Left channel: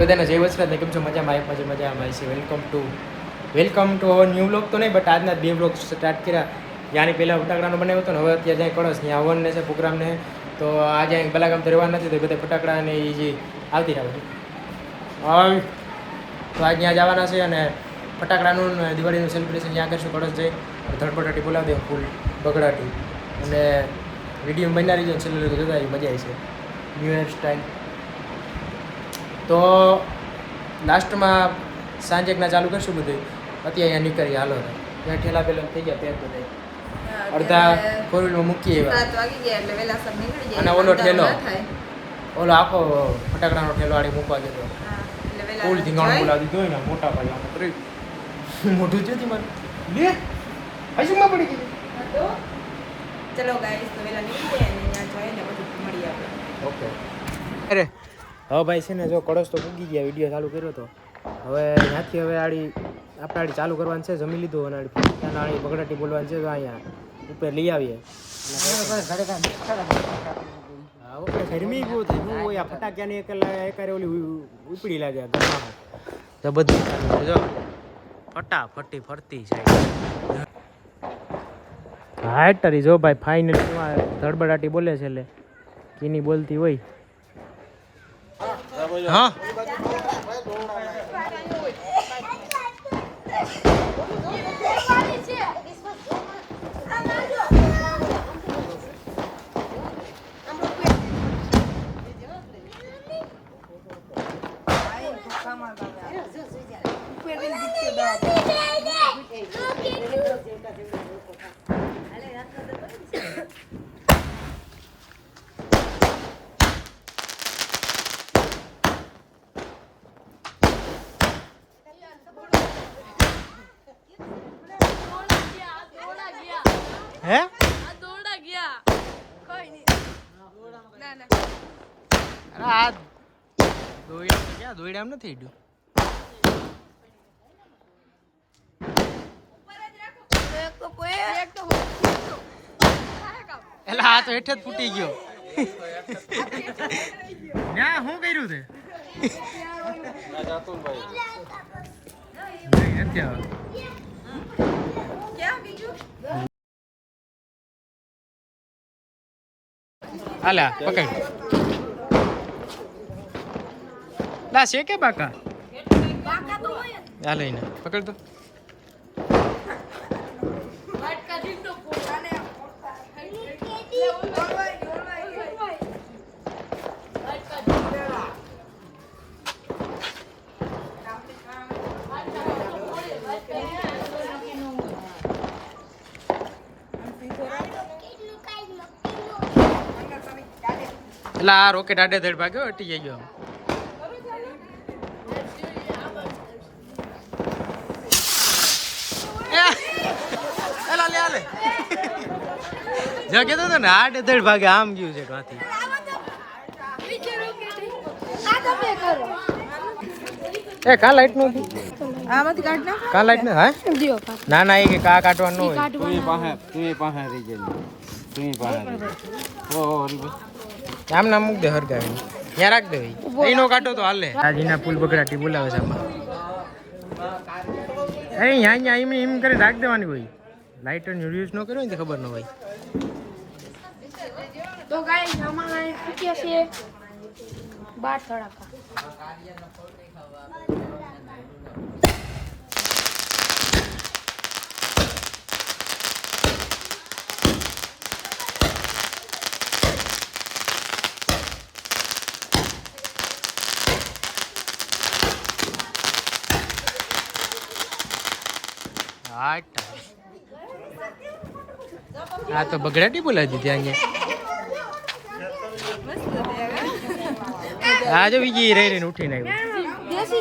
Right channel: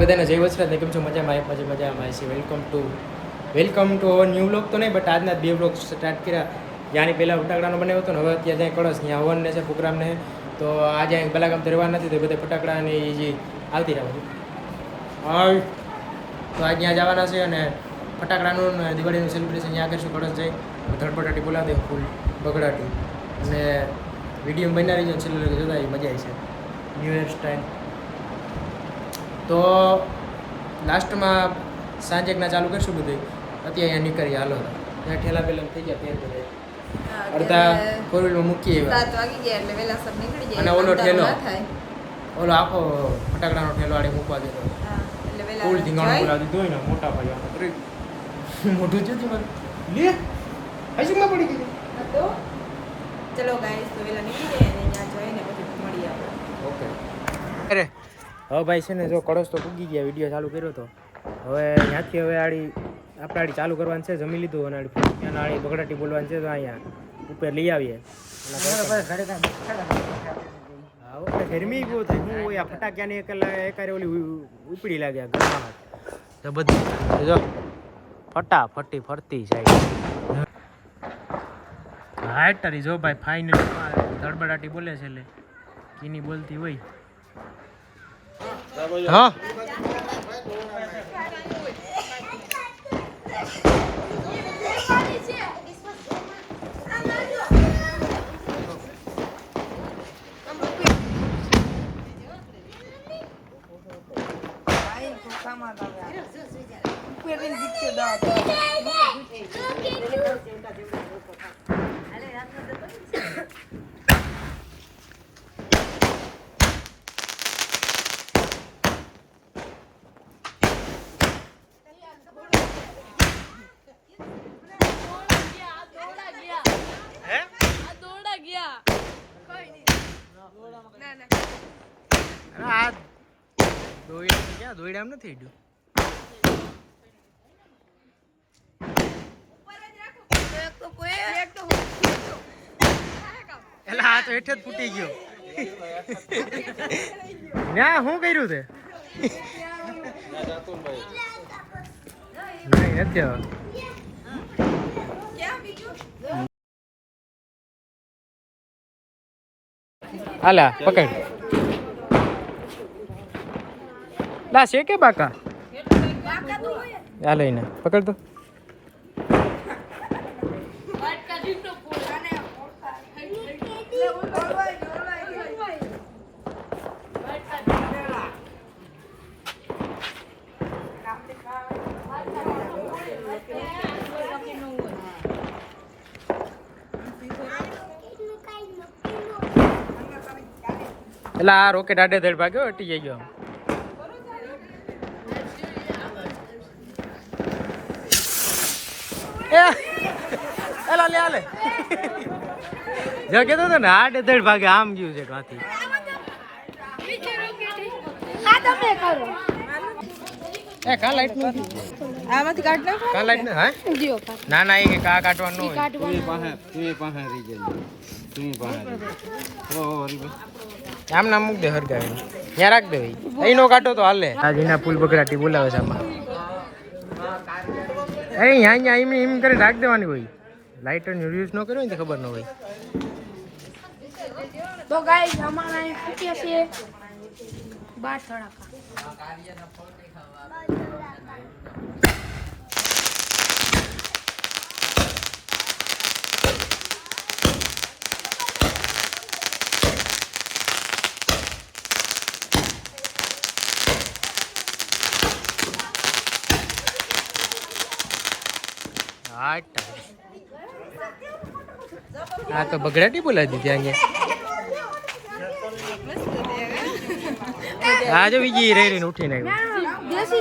બધાને જય વસરાત ને કેમ છો? મજામાં એક મજા મજામાં છે. Welcome to welcome to our new blog તો નહીં બટ આજના બે બ્લોગ સ્ટાર્ટ કર્યા. ત્યાંની પહેલાં ફટાકડાનો બનાવ્યો હતો ને, હવે અત્યારે ત્યાં કળશ. ત્યાં હવનને છે પ્રોગ્રામને તો આજે અહીં બલાગામ રહેવા નથી, તો બધા ફટાકડા એ જે આવતી રહે બધું. તો આજ ત્યાં જવાના છે અને ફટાકડાનું દિવાળીનું સેલિબ્રેશન ત્યાં કરશું. કળશ જઈ ધડપટાટી બોલાવી દઉં ફૂલ બગડાટી. અને વીડિયો બનાવી રહીજો છેલ્લે જોતા મજા આવી છે ન્યૂ યર ટાઈમ તો લાસ્ટમાં સાંજે સાંજેકના ચાલુ કરશું બધું. અત્યારે અહીંયા નીકળીએ હાલો ત્યાં ઠેલા પેલા થઈ ગયા ત્યાં. અડધા ફોર વ્હીલમાં મૂકીએ એવા. અને ઓલો ઠેલો. ઓલો આખો ફટાકડાનો ઠેલો આડે મૂકવા ગયો હતો ફૂલ ધીંગાણું. બોલાવી દીધું હોય ને મોટા ભાઈ આમાં મોઢું જોતી મારું? લે હસુમાં પડી ગઈ. ચલો ગાઈસ તો વેલા નીકળી જાય ને ત્યાં જોઈને પછી મળી આપણે. ઓકે. અરે હવે ભાઈ છે ને જો કળશ તો પૂગી ગયા વીડિયો ચાલુ કર્યો તો. હવે ત્યાંથી હવે આડી, આપણે આડી ચાલુ કરવાનું છે, જમી લીધું અને આડી ત્યાં આડી બગડાટી બોલવાની છે, તો અહીંયા ઉપર લઈ આવીએ. એટલે ગરમી બહુ થાય હું આ ફટાક્યાની એકારે ઓલી ઉપડી લાગે ગરમાહટ તો ચાલુ જો. ફટાફટી ફરતી સાહેબ હાટ તારી જો ભાઈ ફાઇનલી ધડબડાટી બોલે છે એટલે. કીની બોલતી હોય. હે અરે આ એમ નથી હેડ્યું તો હેઠે જ ફૂટી ગયો. ના શું કર્યું તે? નહીં, નથી પકડ. લા છે કે બાકા? આ લઈને. પકડ તો. એટલે આ રોકેટ આડે ધડ ભાગ્યો અટી જઈ ગયો. એ એલા લે આલે. જો કેતો તો ને આઠ ધડ ભાગે આમ ગયું છે કાંથી એ કા લાઈટનું? આમાંથી કાઢ નાખો. કા લાઈટ ને? હા? ના ના એ કે કા કાઢવાનું હોય. તું પાસે તું પાસે રહી જાય તું પાસે હરી આમ ના મૂક દે હરગાવી ત્યાં રાખ દે ભાઈ. અહીંનો કાટો કાઢો તો હાલે. આજીના પુલ બગડાટી બોલાવે છે આમાં. અરે અહીંયા અહીંયા એમ એમ કરી રાખ દેવાની હોય. લાઇટરનો યુઝ ન કર્યો ને તો ખબર ન હોય. તો ગાઈસ અમારા ફૂટ્યા છે બાર થોડા आठ आ हाँ, तो बगराटी बोला दी थी आज भी ये रही उठी नहीं। देसी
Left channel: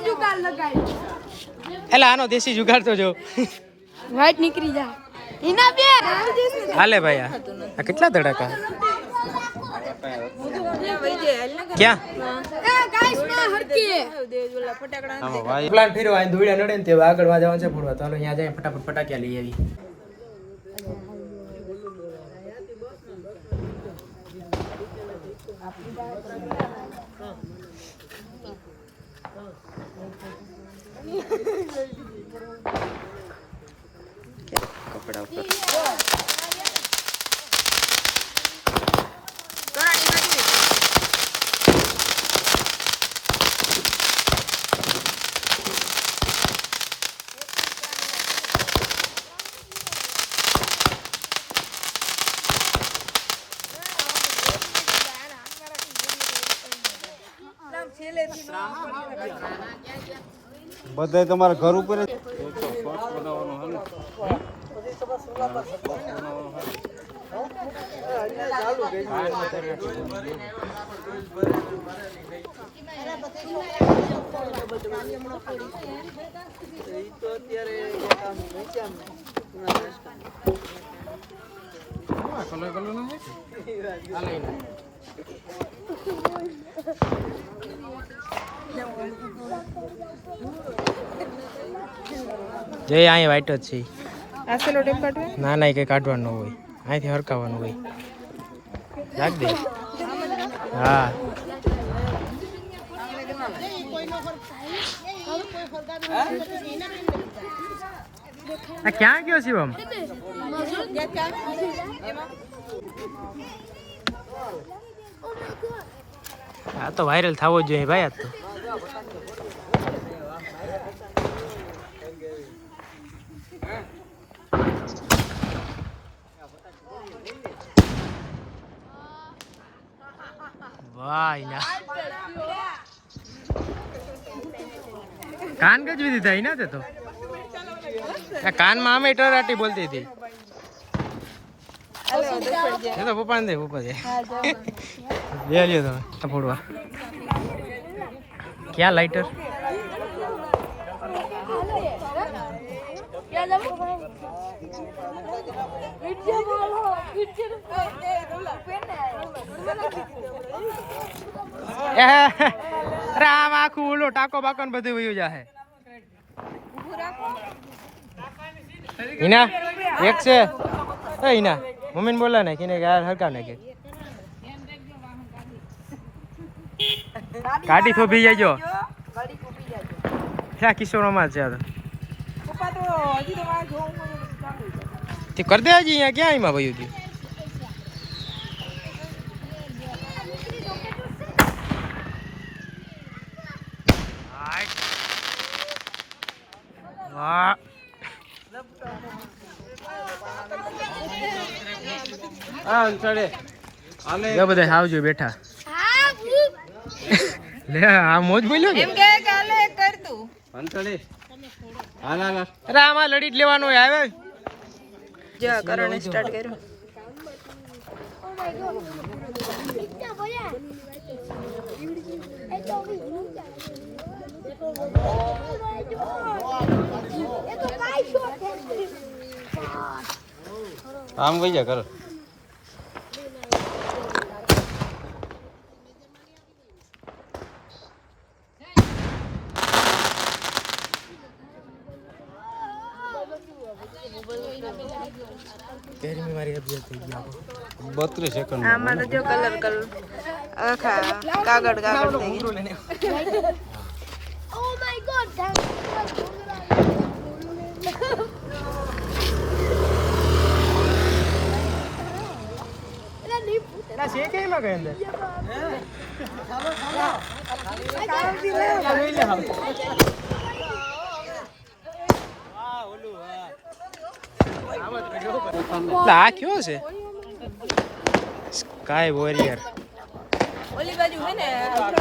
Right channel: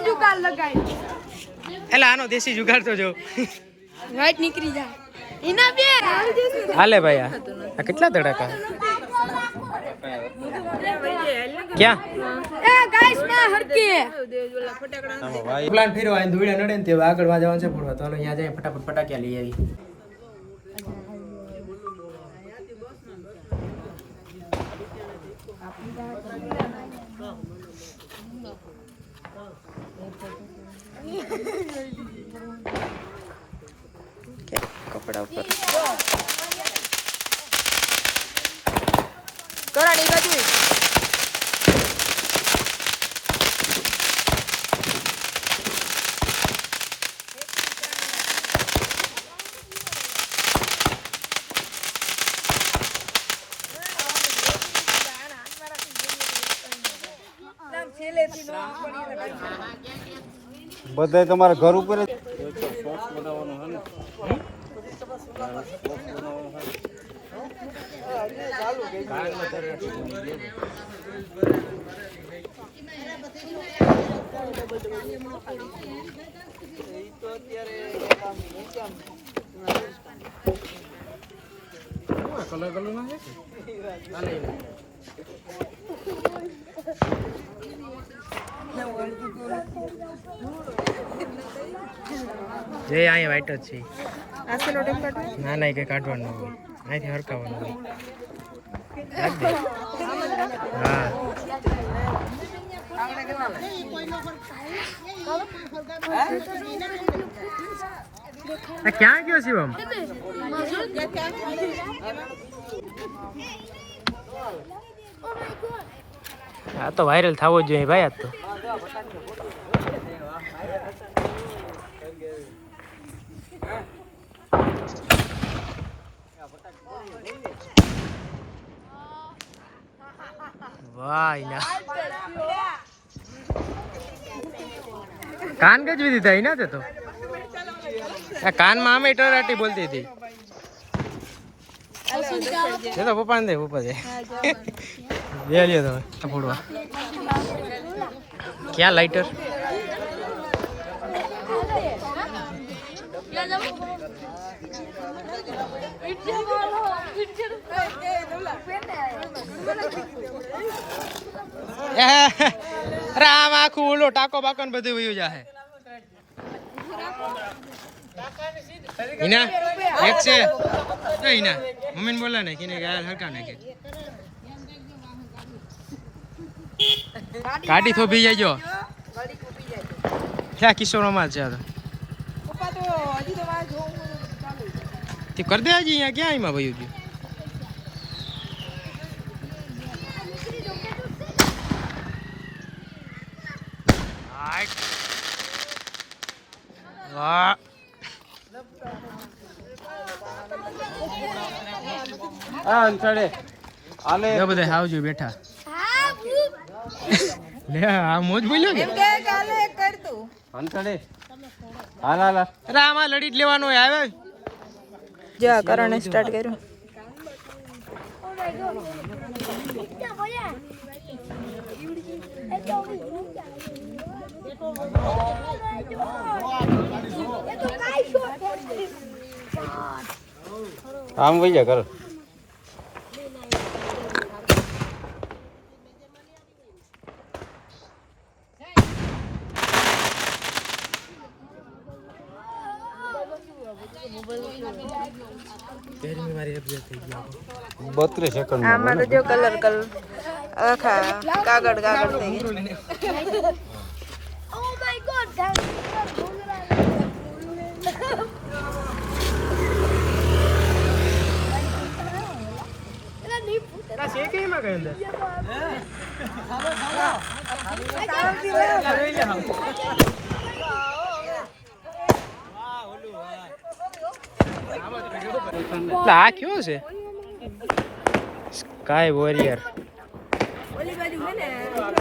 देसी जुगाड़ तो जो। वाइट निकली जाए। हाले भैया कितना धड़का क्या? પ્લાન ફેરવા આઈને દોડ્યા નડે ને તે આગળમાં જવાનું છે ફોડવા તો અહીંયા જાય ફટાફટ ફટાક્યા લઈ આવી કપડા ઉપર. બધાય તમારા ઘર ઉપર કલર કલર નો. જે અહીંયા વાઈટ જ છે. ના ના એ કંઈ કાઢવાનું હોય. અહીંથી હરકાવવાનું હોય. રાખ દે. હા. આ ક્યાં ગયો શિવમ આ તો વાયરલ થવો જ જોઈએ ભાઈ આ તો. વાય ના કાન ગજવી દીધા એના તે તો? કાનમાં આમે ટરાટી બોલતી હતી. તો પપ્પા ને દે. પપ્પા દે. બે લ્યો તમે આ ફોડવા ક્યાં લાઇટર અરે આમ આખું ઓલો ટાકો બાકો ને બધું વયું જાહે હિના એક છે એ હિના મમ્મીને બોલા ને કિને યાર હરકાવ નાખે ગાડી થોભી જાય જો ક્યાં કિશોરોમાં છે આ તો? તે કર દે હજી અહીંયા ક્યાં એમાં ભાઈ ગયું. વાહ. અંતરે આલે. બધા આવજો બેઠા. લે આ મોજ બોલ્યો કે? કે કાલે કર તું. અંતરે હા હા હાલ. અરે આમાં લડી જ લેવાનું હોય આવે? જો આ કરણે સ્ટાર્ટ કર્યું. આમ વઈ જા ઘર. બત્રીસ સેકન્ડ આમાં તો જો કલર કલર આખા કાગળ કાગળ થઈ ગયા. આ કયો છે? સ્કાય વોરિયર ઓલી બાજુ હે ને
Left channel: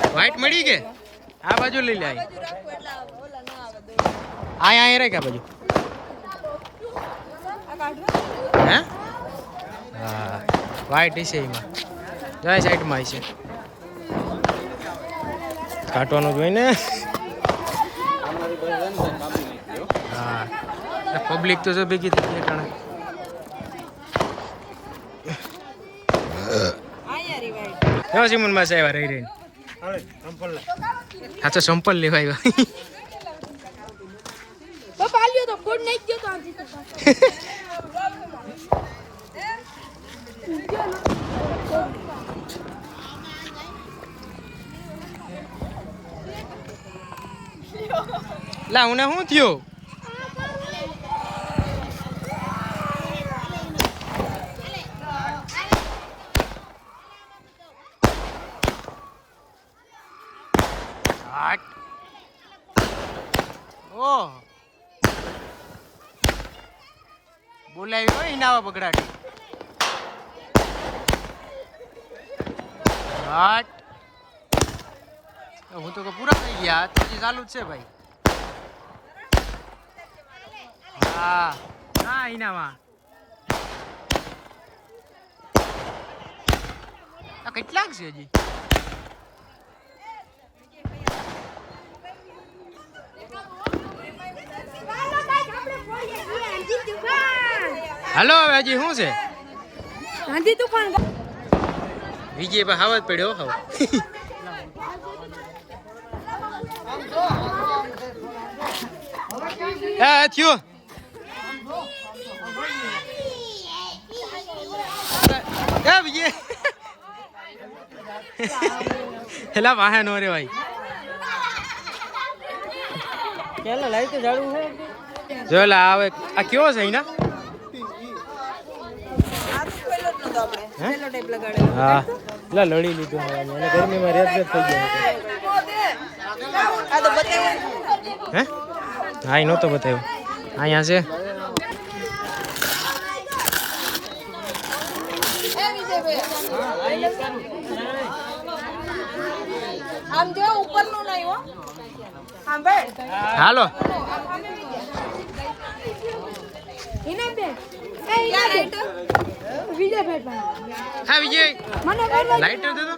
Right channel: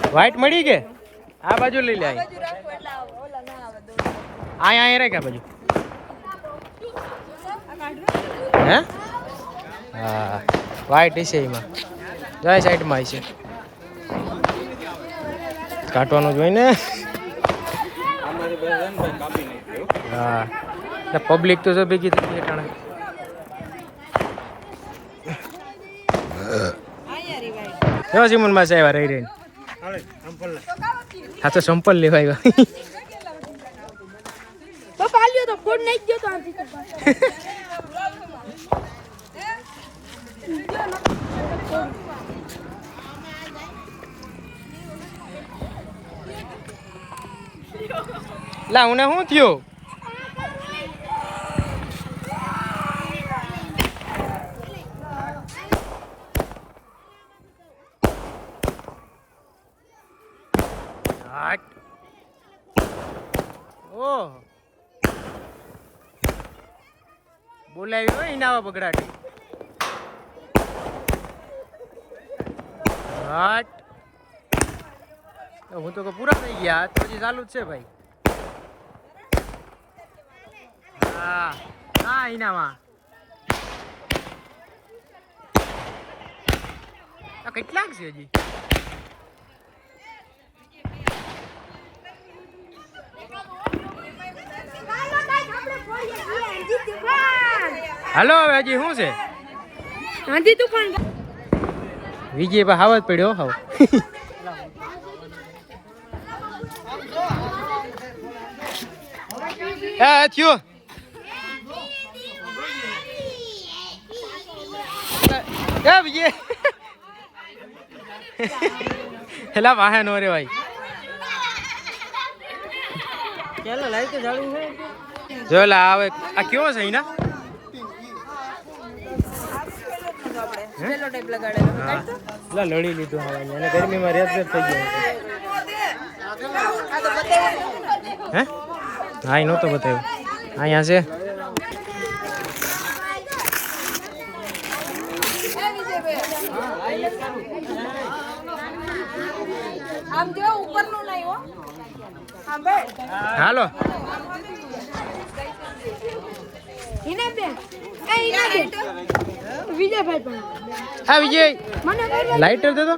વ્હાઈટ મળી કે આ બાજુ લઈ લે અહીં આય આય રે આ બાજુ. હે? હા વ્હાઈટ છે એમાં. જાય સાઈડમાં છે. કાટવાનું જોઈને હા. પબ્લિક તો જો ભેગી થઈ ટાણે કેવા સિમનમાં આવ્યા રહી રહીને. હા તો સંપલ લેવા આવ્યા પપ્પા આલ્યો તો ફોન નહીં ગયો તો આજે લા હું શું થયો હાટ. ઓહ બોલાવી પગડાટી હું તો પૂરા થઈ ગયા, તો હજી ચાલુ જ છે ભાઈ. હા હા એનામાં કેટલાક છે હજી? હાલો હવે હજી શું છે? હાજી તું પણ વિજય પા હાવત પડ્યો હાવ. એ થયો. એ વિજય. હેલા વાહે નો રે ભાઈ. ચાલો લાઈ તો જાડું જો લા આવે આ કયો છે એના આ તો પહેલો જ નતો હે? ટાઈપ લગાડેલો. હા. એટલે લડી લીધું હવાની અને ગરમીમાં રેત રેત થઈ ગયો હે? હા એ નહોતો બતાવ્યો. અહીંયા છે. આમ જો ઉપરનું નહીં હો. હાલો. વિજયભાઈ પણ. હા વિજય મને કઈ લાઇટર દે તો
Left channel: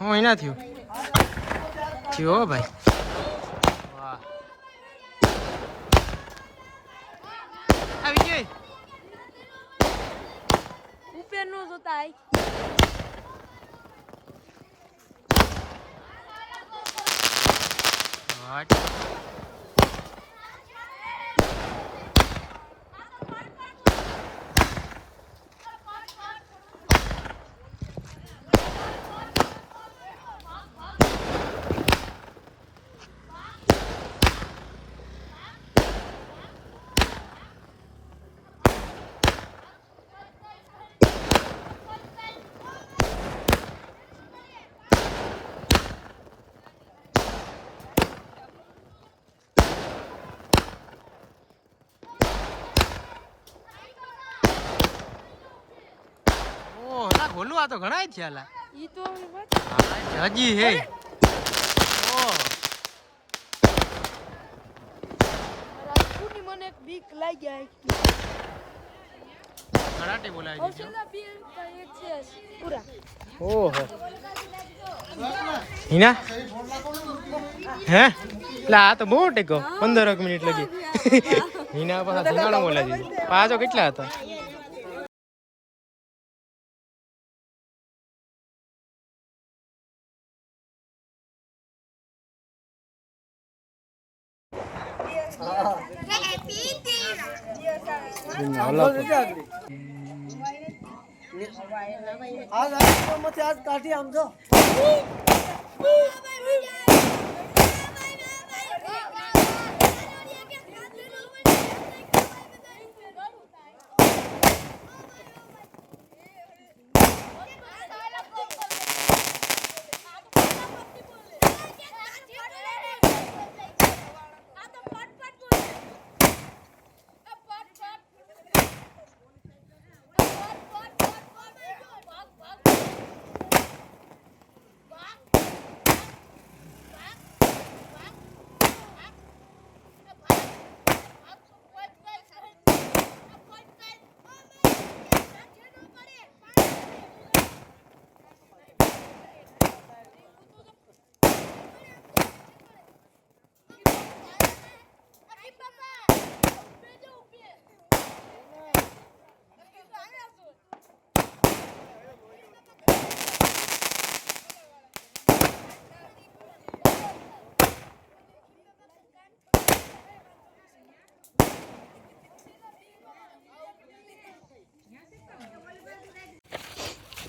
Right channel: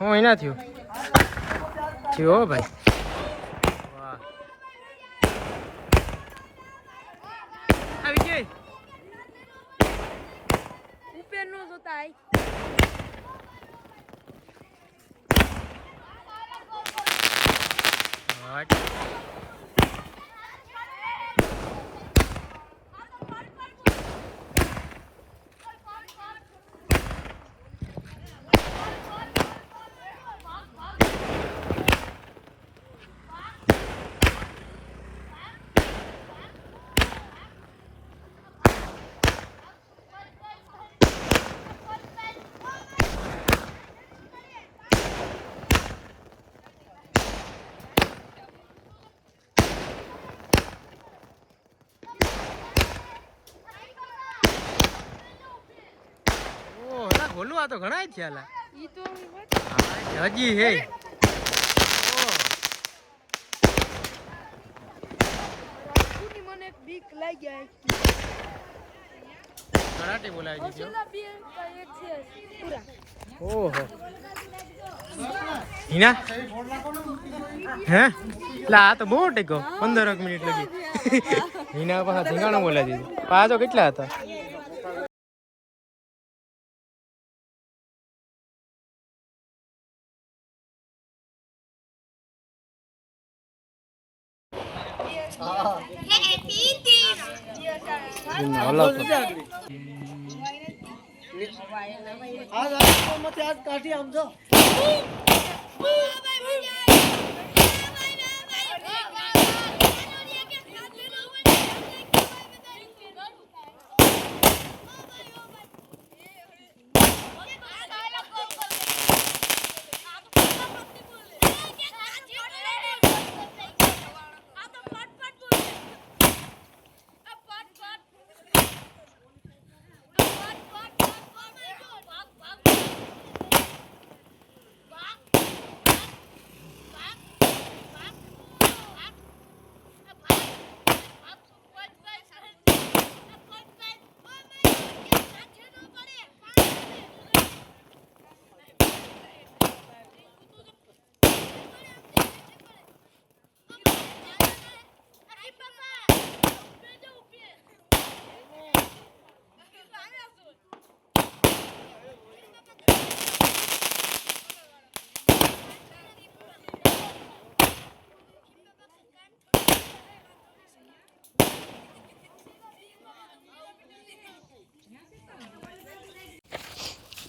હું એના થયું થયો હો ભાઈ વાહ આ વિજય ઉપર નો જોતા આઈ હટ ઓહ ના તો ઘણા છે હા, હજી હે. કરાટે બોલાવી દીધો ઓહો. હિના? હે? એટલે આ તો બહુ ટેકો. પંદર મિનિટ લગી. હિના પાછા ધીંગાણો બોલાવી દીધું. પાછો કેટલા હતા? આજ આજ આજ કાઢી આમ જો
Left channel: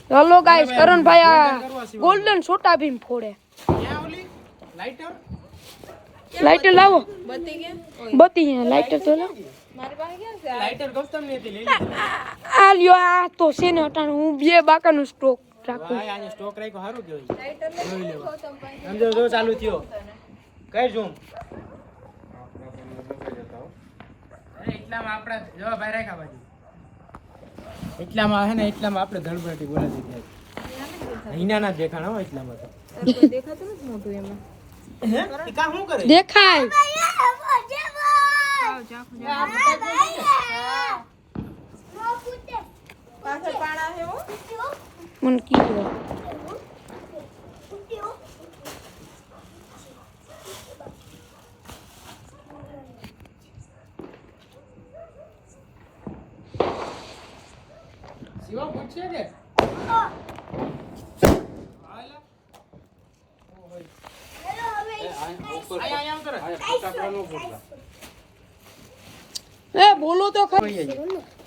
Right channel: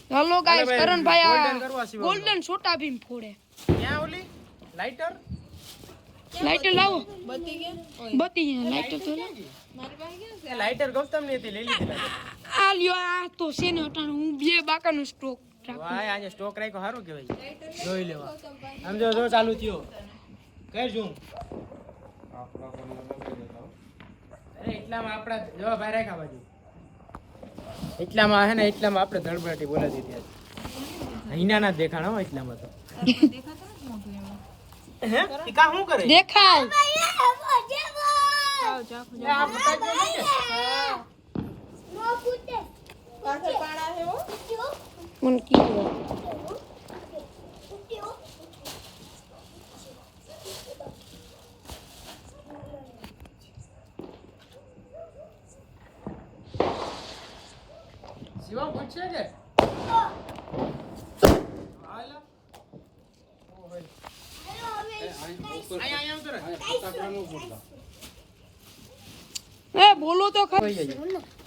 હેલો ગાઈસ કરણભાઈ આ ગોલ્ડન છોટા ભીમ ફોડે. લાઇટર લાઇટર લાવો. બત્તી ગયા બત્તી લાઇટર તો લાવો. લાઇટર ગમતમ હતી આ લ્યો આ તો છે ને અટાણે. હું બે બાકાનું સ્ટોક રાખું. ભાઈ આજે સ્ટોક રાખ્યો સારું કહેવાય. જોઈ લેવો સમજો જો ચાલુ થયો. કઈ ઝૂમ એટલામાં આપણા જવા ભાઈ રાખ્યા બાજુ એટલામાં હે ને એટલામાં આપણે ધડબડાટી બોલાવી દીધી. અહીંના ના દેખાણ હો એટલામાં તો. દેખાતું નથી મોટું એમાં. હે? એ શું કરે? દેખાય. મને કીધું પૂછશે કે? એ બોલો તો ખરી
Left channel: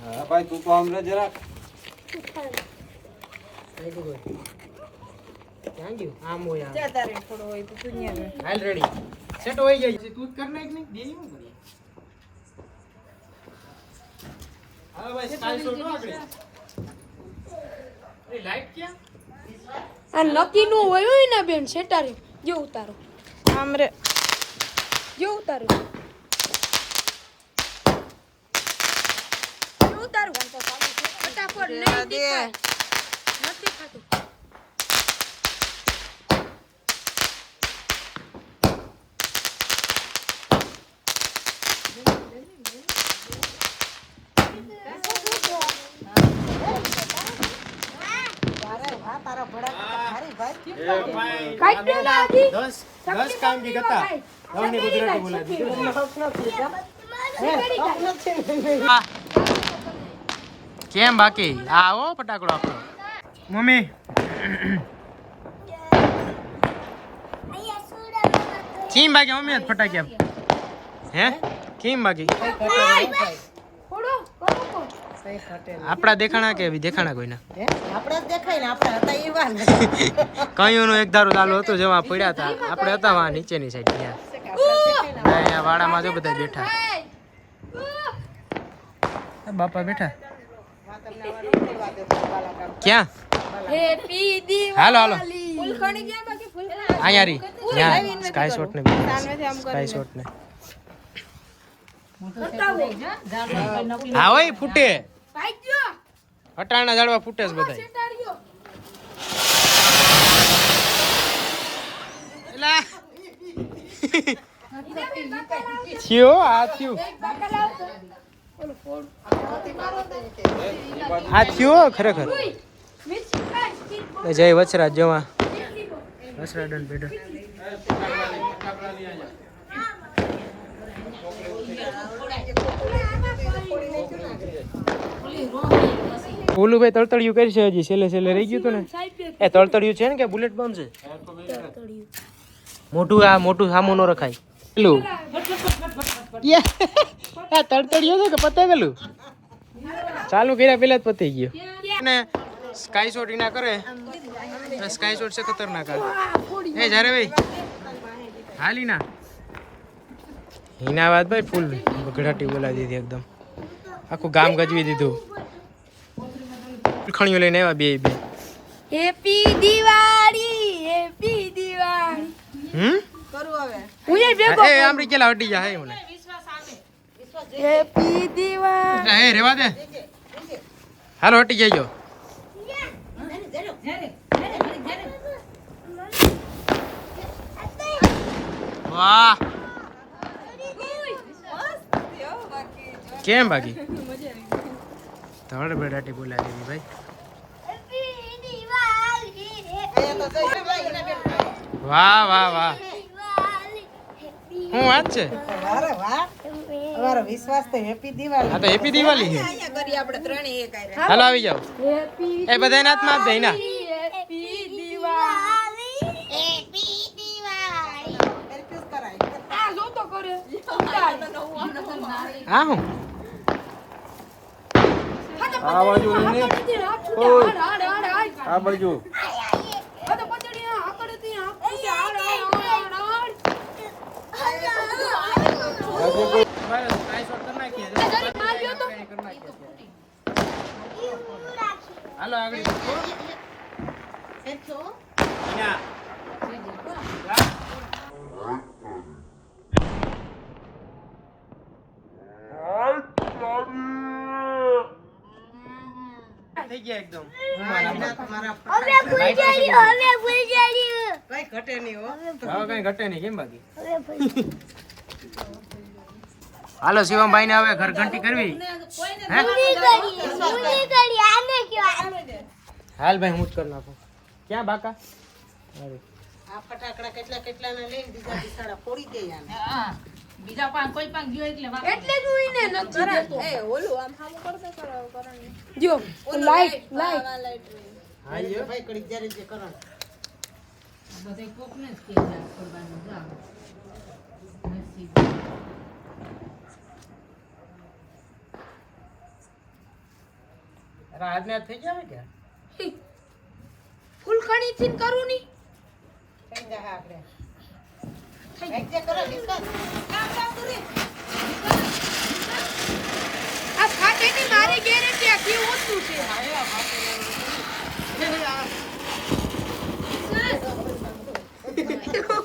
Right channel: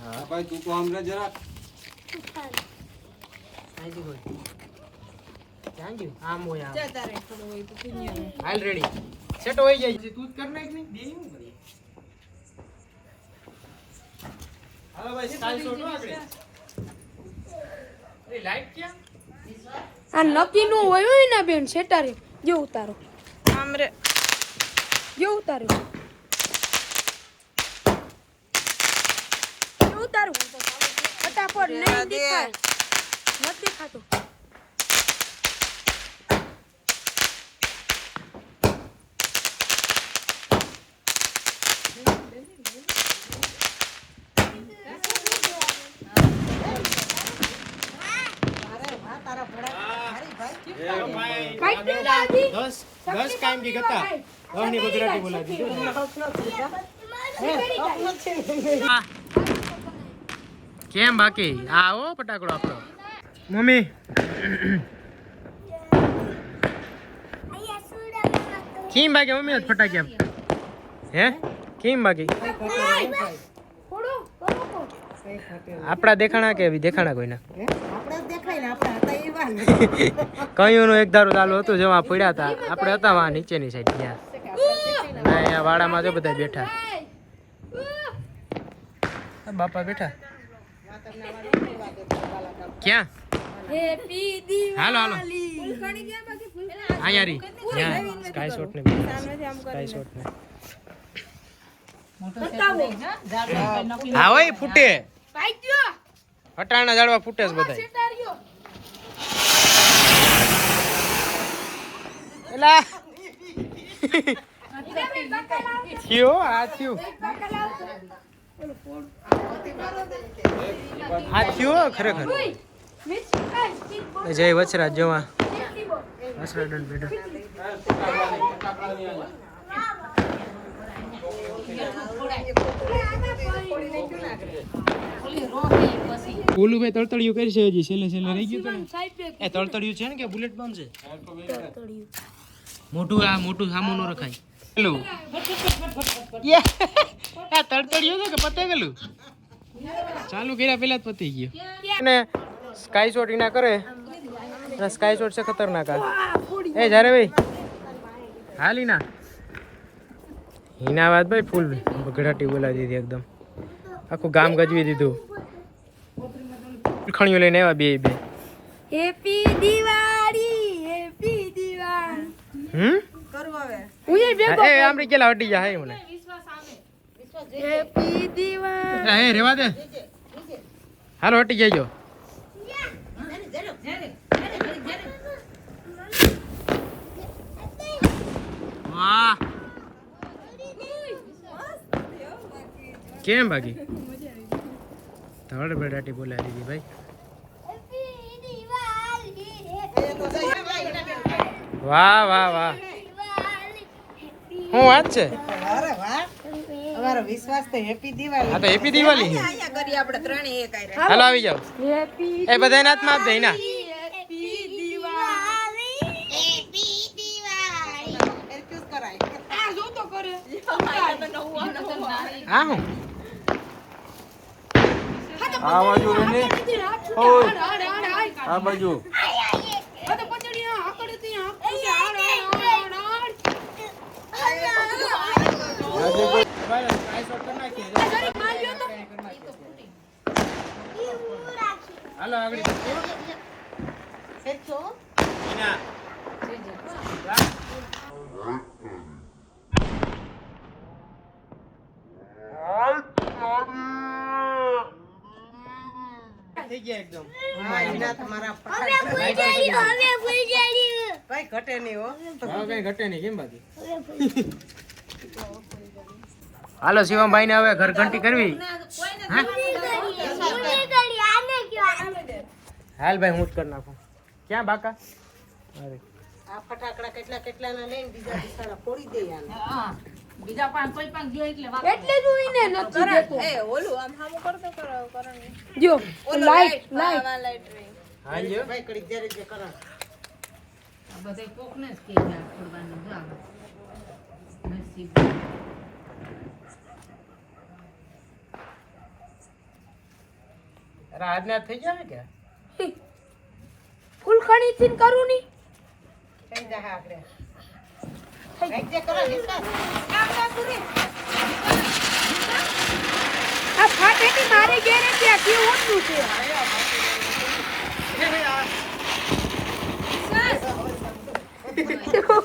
હા ભાઈ તું તો અમને જરાક આમ હોય તારે થોડો હોય તો હાલ રેડી સેટ હોય જાય તું જ કર નાખ નહીં દે હું હાલો ભાઈ કાલ લાઈટ ક્યાં આ નક્કી નું હોય ને બેન સેટારે જો ઉતારો. આમ રે જે ઉતારો. ઉતારો ફટાફટ નથી ખાતો. દસ દસ કામ બી ગુજરાતી બોલાવી દીધું કેમ બાકી? આ આવો ફટાકડો આપણો. મમ્મી. કેમ બાકી મમ્મી? ફટાકી ફટાક્યા હે? કેમ બાકી? આપણા દેખાણા કે દેખાણા કોઈના? આપણા દેખાય ને આપણે હતા એવા ને કયુંનું એક ધારું ચાલુ હતું જેમાં પડ્યા હતા. આપણે હતા વા નીચેની સાઈડ ગયા. ના અહીંયા વાડામાં જો બધા બેઠા. બાપા બેઠા. ક્યાં? હાલો હાલો. ફૂલખણી ક્યાં અહીંયા રી સ્કાય શોટ ને. સ્કાય શોટ ને. હા હોય ફૂટે. અટાણા ઝાડવા ફૂટે છે બધા એલા. થયો આ થયું. આ થયો ખરેખર. જય વચરાજ જવા. ઓલું ભાઈ તળતળિયું કરી છે હજી છેલ્લે છેલ્લે રહી ગયું તું ને? એ તળતળિયું છે ને કે બુલેટ પંપ છે? મોટું આ મોટું સામું નો રખાય. પેલું? આ તળતળિયું છે કે પતે ગયેલું ચાલુ કર્યા પેલા જ પતી ગયો. અને સ્કાય શોટ એના કરે. અને સ્કાય શોટ છે ખતરનાક આ. એ જ્યારે ભાઈ. હાલી ના. હિના વાત ભાઈ ફૂલ બગડાટી બોલાવી દીધી એકદમ. આખું ગામ ગજવી દીધું. ખણીઓ લઈને આવ્યા બે બે. Happy Diwali happy Diwali hmm? કરું હવે. હું એ બે એ આમરી કેલા હટી જા હે મને. હેપી દિવાળી એ રેવા દે. હાલો હટી જઈજો વાહ. કેમ બાકી ધડ બેડાટી બોલાવી દીધી ભાઈ. વાહ વાહ વાહ. શું વાત છે? અમારો વિશ્વાસ તો હેપી દિવાળી. આ તો હેપી દિવાળી છે. કરીએ આપણે ત્રણે એક આયરા. હાલો આવી જાઓ. એ બધાને હાથમાં આપી દે ના હેપી દિવાળી કરાય. આ જો તો કરે? હા હું આ બાજુ રેને હાડ હાડ હાડ હાડ. આ બાજુ. આ તો પચડી આ આકડે થી આ હાડ હાડ હાડ હાડ તમારે આઈ શોટ કરી નાખીએ જો બાકી કાંઈ ના કાંઈ કરી નાખીએ અત્યારે. હાલો આગળ ઈના. થઈ ગયા એકદમ. કઈ ઘટે નહીં હો. હવે કઈ ઘટે નહીં કેમ બાકી? હાલો શિવમભાઈ ને હવે ઘર ઘંટી કરવી હાલ ભાઈ હું જ કરી નાખું. ક્યાં બાકા? અરે આ ફટાકડા કેટલા કેટલા ના લઈને બીજા બિચારા કોઈ દે ગયો એટલે જ હું એને નથી દેતો. એ ઓલું આમ હામો કરતો કરો કરવાનું. જો ઓલું લાઈટ લાઈટ લાઈટ હા લાઈટ હા લ્યો. ભાઈ કડી જ્યારે જે કરો આજ થઈ જાય કે ફૂલ ખણી થી કરું ની કઈ જા હા આપણે કઈ જે કરો વિશ્વાસ આ ફાટે કે મારે ગેરંટી આ કેવું વસ્તુ છે તું મીઠી હો.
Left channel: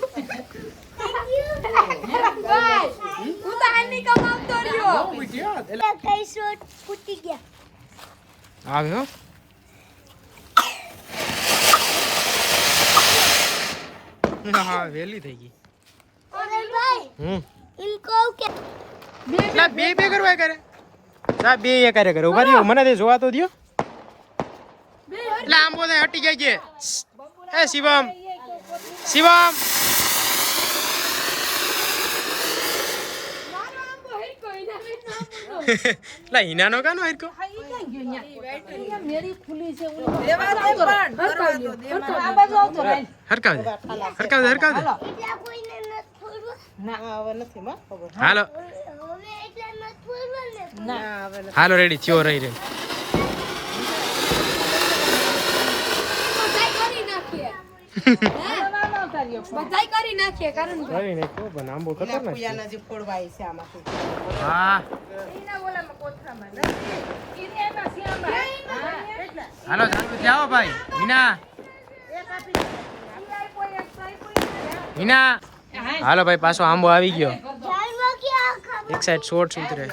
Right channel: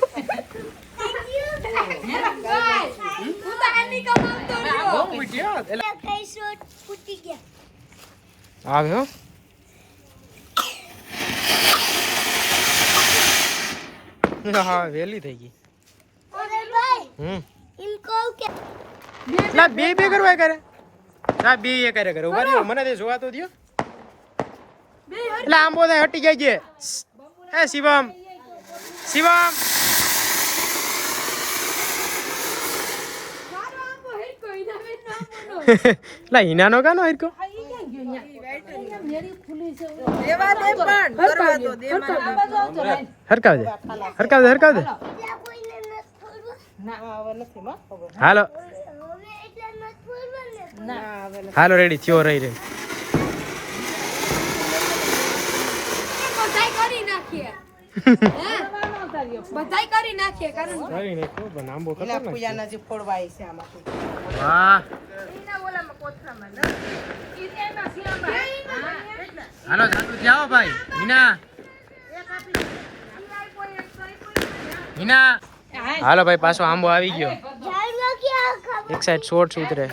વેલી થઈ ગઈ હમ. કહું કે બે બે કરવા કરે. આ બે એ કરે કરે. ઊભા રહ્યો મને તે જોવા તો દ્યો. એટલે આંબો થાય હટી જાય છે. એ શિવમ શિવમ. લા હિનાનો કાનો હરકો દેવા દે પણ કરવા દો દેવા હરકાવ દે હરકાવ દે હરકાવ દે હાલો. હાલો રેડી થયો રહી રે બધાય કરી નાખીએ. બધાય કરી નાખીએ કારણ કરી નાખો પણ આંબો ખતરનાક છે. પૂજાના જે ફોડવાય છે આમાંથી. હા. હાલો ચાલુ જાઓ ભાઈ. હિના હિના હાલો ભાઈ પાછો આંબો આવી ગયો. એક સાઈડ શોર્ટ ઉતરે.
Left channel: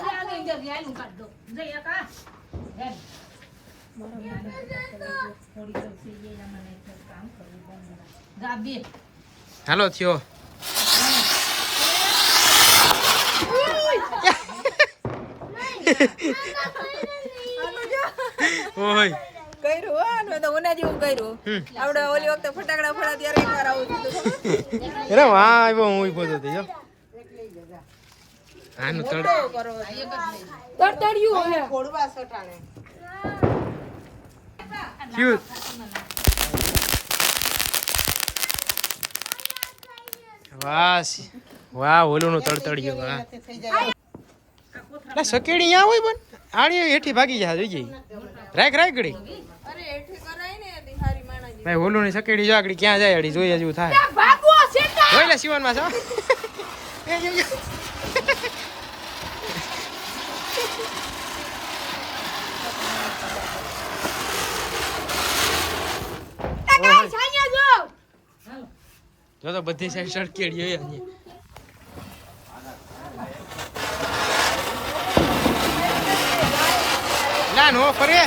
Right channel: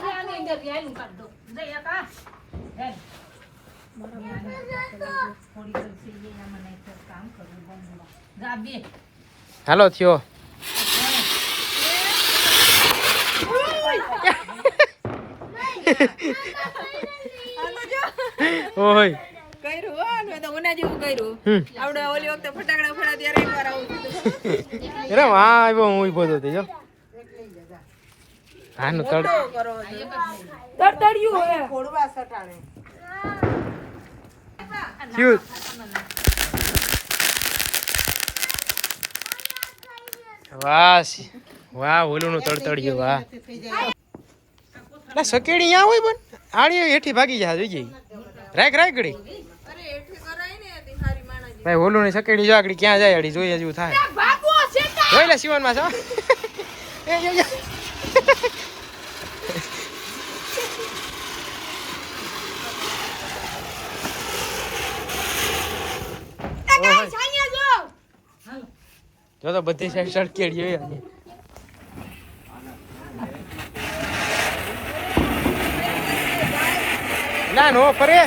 હાલો થયો. ઓય. કર્યું હો ને તો ઓના જેવું કર્યું. આપણે ઓલી વખતે ફટાકડા ફોડા ત્યારે એકવાર આવું અરે વાહ આવ્યો હું ઊભો તો જો. હાનું તડ તડતડ્યું હે. સટાણે વાહ વાહ ઓલું નું તડતડિયું વાહ. જાય સકેડી અહીંયા હોય પણ આણી હેઠી ભાગી જાય જોઈ ગઈ. રાખ રાખ ગડી અરે એઠી કરાય ને તે હારી માણાજી ભાઈ ઓલું ની સકેડી જો આગળ ક્યાં જાય અડી જોઈએ જેવું થાય. જોઈ લે શિવનમાં છો એ જો, તો બધી સાઈડ સડકેડી હોય અહીંયા ના નો ફરે.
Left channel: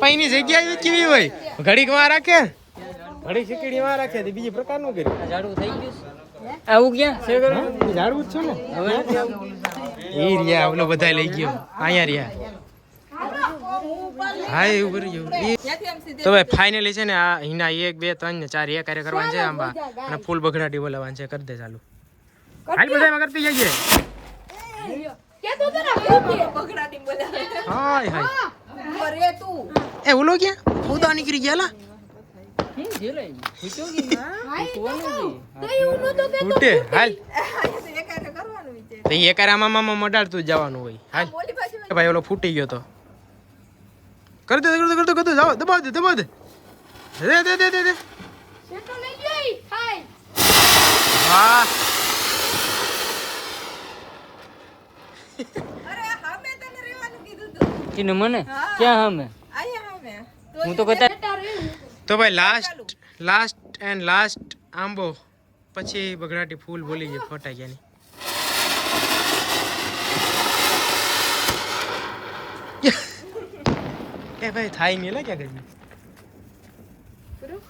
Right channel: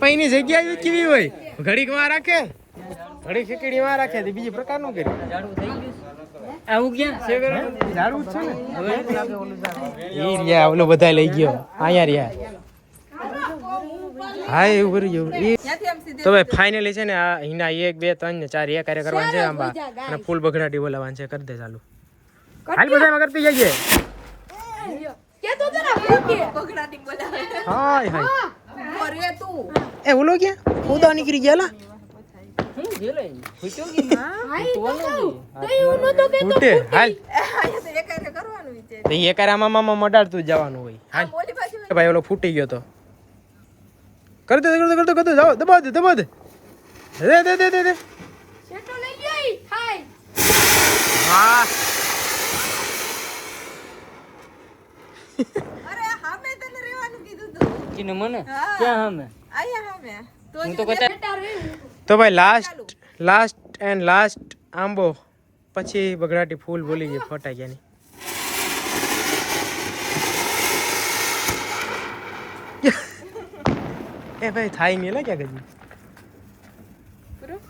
પૈની જગ્યા કેવી હોય? ઘડીકમાં રાખે? ઘડીક ખીચડી માં રાખે બીજી પ્રકારનું કર્યું. આવું ક્યાં? ઝાડવું જ છે ને? ઈ રહ્યા ઓલો બધા લઈ ગયો. અહીંયા રહ્યા. હા એવું કરી ગયું. તો ભાઈ ફાઇનલી છે ને આ હિના એક બે ત્રણ ને ચાર એ કાર્ય કરવાનું છે આંબા. અને ફૂલ બગડાટી બોલાવવાનું છે. કરી દે ચાલુ. હાલ બધામાં કરતી જઈએ હાય હાય. મરે તું. એ ઓલો ક્યાં? ઉદા નીકળી ગયા લા ભાઈ ઓલો ફૂટી ગયો તો. કરી દે કરી દે કરી દે કરી દે. જાઓ દબાવ દે દબાવ દે. દે દે દે દે હા અરે હામે તને રહેવાનું કીધું મને? ક્યાં હમે? તો હું તો કહેતા તો ભાઈ લાસ્ટ લાસ્ટ એન્ડ લાસ્ટ આંબો. પછી બગડાટી ફૂલ ભૂલી ગઈ ફટાક્યાની એ ભાઈ થાય નહીં લે ક્યાં પૂરું?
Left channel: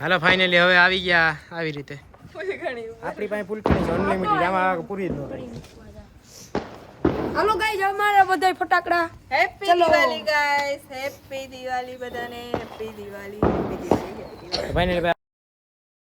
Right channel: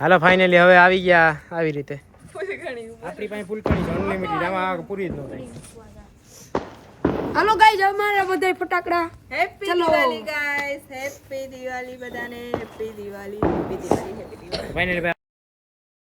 હાલો ફાઇનલી હવે આવી ગયા આવી રીતે. આપણી પાસે ફૂલકણી છે અનલિમિટેડ આમાં પૂરી જ ન થાય. હાલો ગાઈઝ અમારા બધા ફટાકડા. હેપી ચલો. દિવાળી ગાઈસ હેપી દિવાળી બધાને. Happy Diwali happy Diwali happy Diwali